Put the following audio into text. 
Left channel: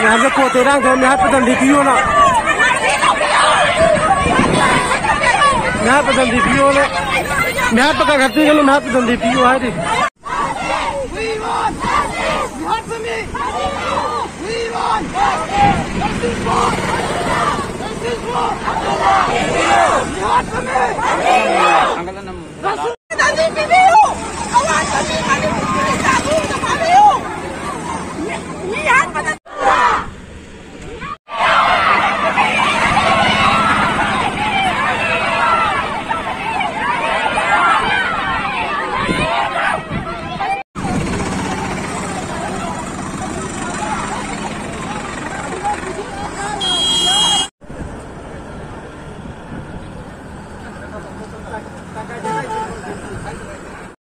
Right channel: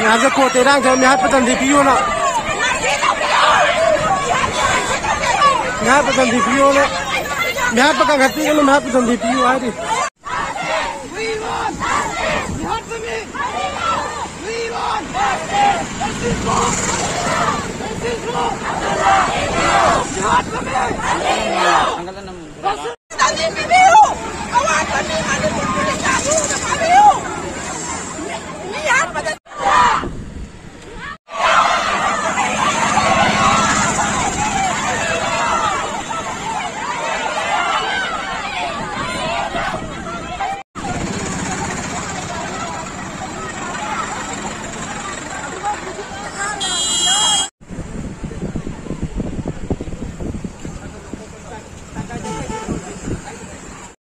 यहाँ से कोते रंग थे यहाँ पतन दी पियो ना यहाँ पतन दी पियो ना यहाँ पका घटी के यहाँ पतन दी पियो है दी